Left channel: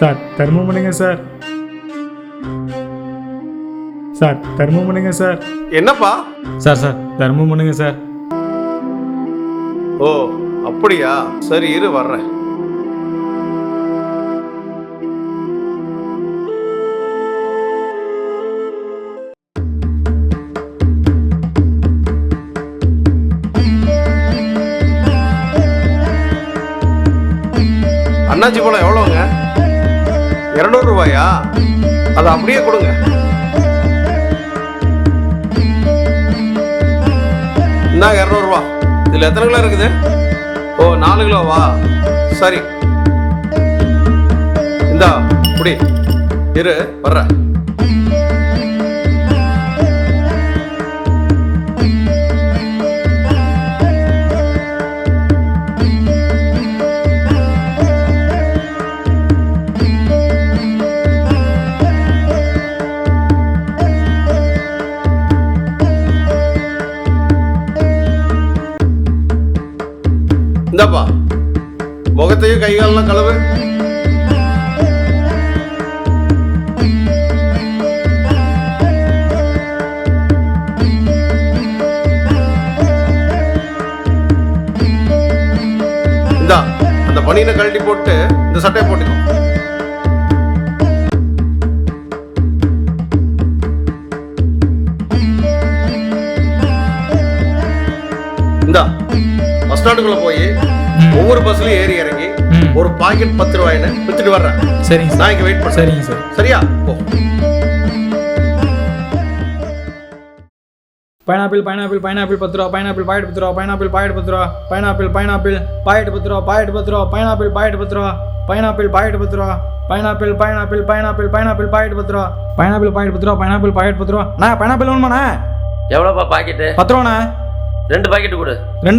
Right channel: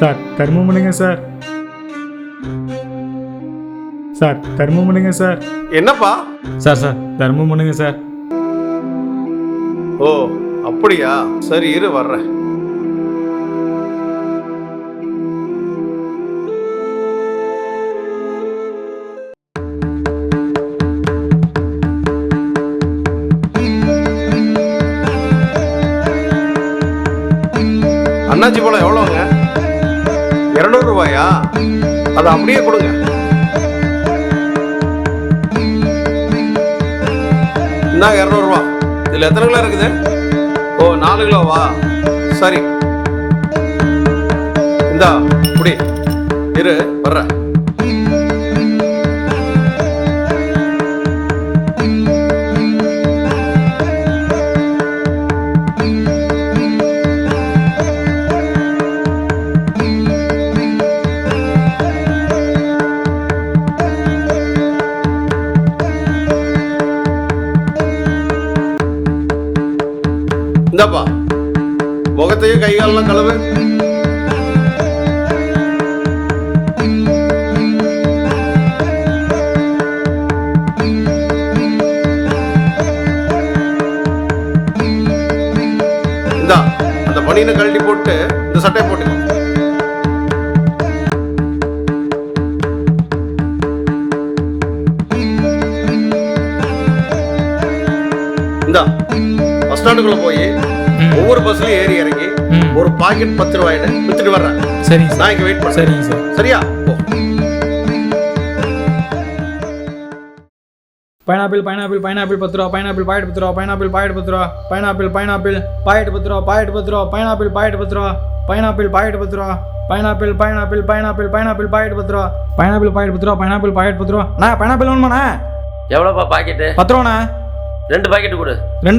Sir தர்மம் பண்ணுங்க sir. Sir தர்மம் பண்ணுங்க சார். என்னப்பா? சார் சார் தர்மம் பண்ணுங்க சார். ஓ அப்படியா, சரி இரு வர்றேன். அண்ணாச்சி பழம் எவ்வளோங்க? 200 ரூபாயா? அதை அப்படியே கொடுங்க. இந்தாங்க 200 ரூபா. இதில் எத்தனை கிலோ இருக்குது? ஓ 4 கிலோவா? சரி இந்தா குடி. இரு வர்றேன். இந்தாப்பா, முகத்தையும் கை காலெல்லாம் கழுவு. இந்தா அந்த பனியனை கழட்டி போட்டு இந்த சட்டையை போட்டுக்கோ. இந்தா பஸ் ஸ்டாண்டுக்குள்ள போய் ஒவ்வொரு பஸ்லயும் ஏறி இறங்கி ஒரு பாக்கெட் 10 ரூபாய்னு வித்துட்டு வர்றேன். சரிங்க சார். நான் இங்க வெயிட் பண்ணேன். சரிங்க சார். சரியா? போ. பைனாப்பிள் பைனாப்பிள் பைனாப்பிள் 10 ரூபா. பைனாப்பிள் பாக்கெட் 10 ரூபா. பைனாப்பிள் பாக்கெட் 10 ரூபா. பைனாப்பிள் பைனாப்பிள் பாக்கெட் 10 ரூபா. பாக்கெட் 10 ரூபா. பைனாப்பிள் பாக்கெட் 10 ரூபா. பைனாப்பிள் பாக்கெட் 10 ரூபா. Pineapple pineapple pineapple pineapple packet 10 ரூபா. பைனாப்பிள் பாக்கெட் 10 ரூபா. பைனாப்பிள் பாக்கெட் 10 ரூபா. அண்ணா பைனாப்பிள் வேணுமாண்ணா? எவ்வளோப்பா பாக்கெட்டு? 10 ரூபாண்ணா. 2 பாக்கெட்டு கொடு. 2